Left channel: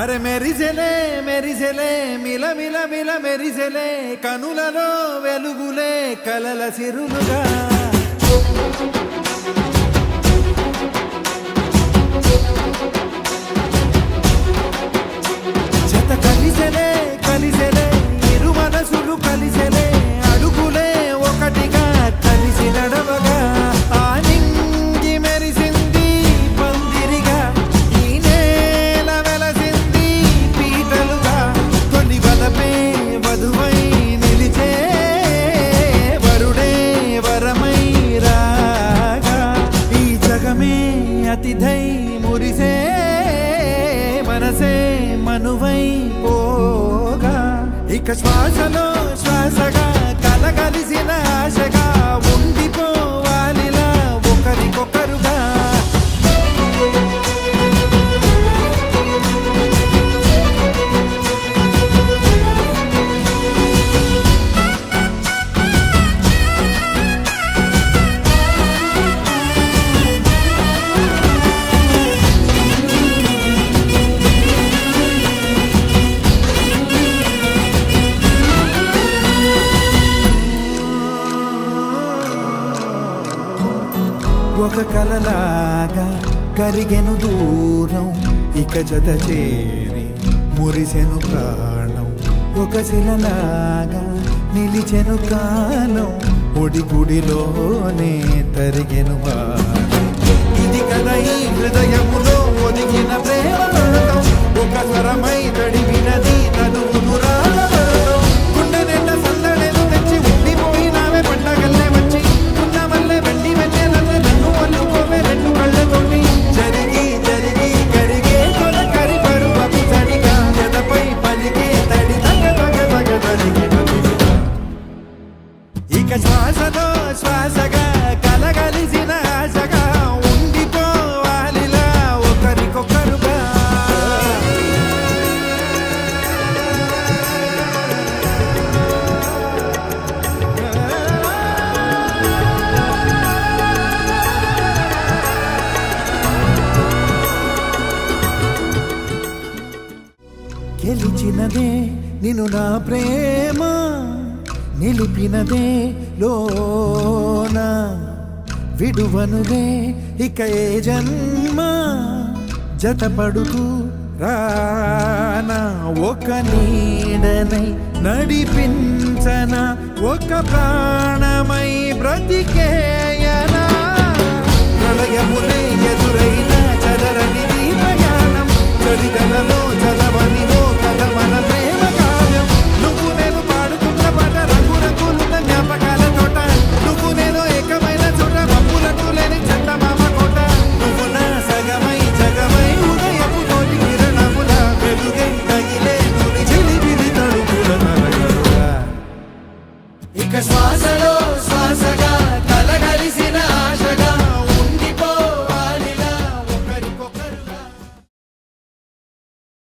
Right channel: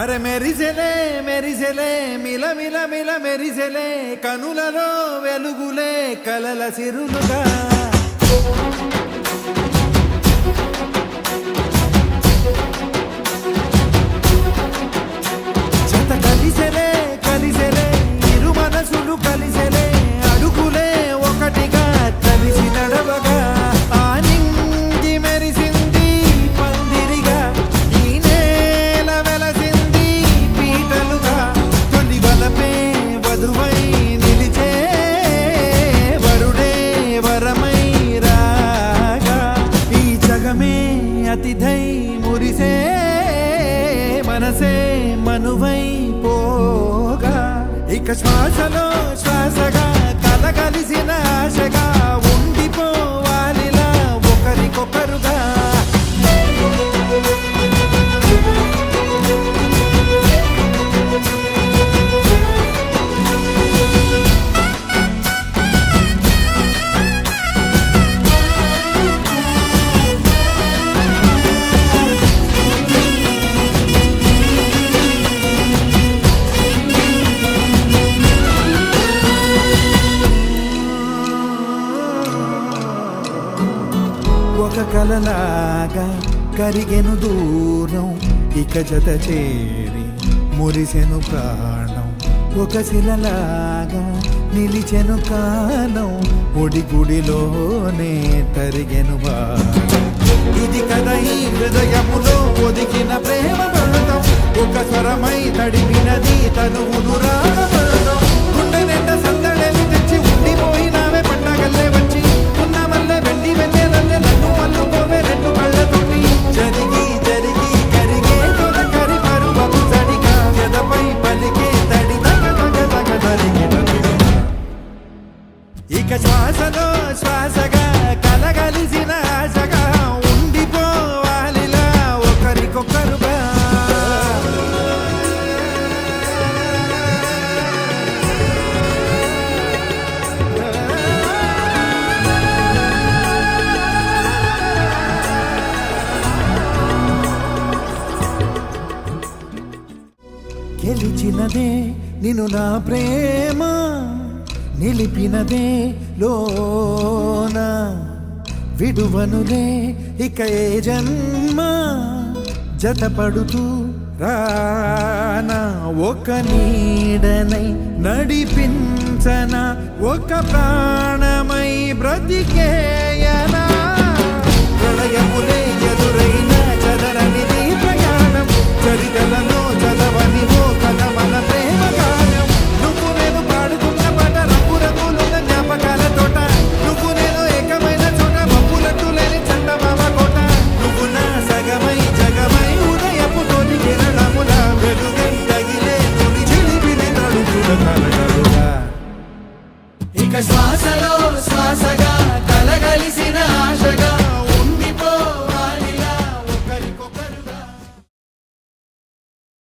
అరే మెరిసెలే మెరిసెలే మిల మిల మిల మెరిసెలే కనులలో వెలుగులే కలల సిరులుగా జత కలిసెలే కలిసెలే ఇరు మనసులు కలిసెలే అడుగులే ఒకటిగా కలిసి నడవగా ఆ నింగి మెరిసింది పందిరిగా ఈ నేల వెలసింది పీటలుగా తొలి వలపే వధువై నిలిచే వరుడే వరమై రాగా ఈ జగమే అతిథై మురిసే మనసే మనువై పోగా ఇక శ్వాసలో శ్వాసగా కలగలిసిన ఆశగా ఉండిపోవాలిలా ఒకరికొకరుగా ఒక కలలాగా కరిగెను దూరం ఇక జత చేరి మురిసెను ప్రాణం ఒక శిలలాగా నిలిచెను కాలం ఒడిగుడిలోనే తరిగెను భారం ఇది కదా ఈ హృదయములో ఒదిగిన ప్రేమ బంధం ఒక స్వరమై తడివినది తనువును రాగబంధం గుండె నిండా సందడేలు తెచ్చి ఉండిపోయినావే పండగల్లే వచ్చి మల్లె వెండి వెన్నెలల్లే నన్ను అల్లుకోవే రెండు కళ్ళతోటి జరిగి జరిగి కరిగే తొలకరి పరువపు జడిగా ఎదపై పలికే తడి తగ తగ తగ జరిగిన ఇక శ్వాసలో శ్వాసగా కలగలిసిన ఆశగా ఉండిపోవాలిలా ఒకరికొకరుగా గెలిచినదే నిన్ను నా ప్రేమ నిలిపినదే లోన విడువనులే ఇక ఏ జన్మ జతపడుతూ రానా ఒక నీడనై నడిపించన ఒక ప్రాణమై బ్రతికేయనా ప్రళయములే ఎదురైన చదరనిది ప్రయాణం చరితలలో చదవని ఓ కథ మన ప్రేమ కావ్యం నువ్వు నేను పాడుతున్న పాట రంగు రంగులున్న జ్ఞాపకాల తోట నువ్వు నేను ఏకమైన చోట మబ్బులంటూ లేని చందమామ కోట నువ్వు నా సగమై జగమై ఉదయపు తోలి కిరణముల వెలుగై తగిలే నులి చిలిబిలి తడుపుల తరగలుగా ఇక శ్వాసలో శ్వాసగా కలగలిసిన ఆశగా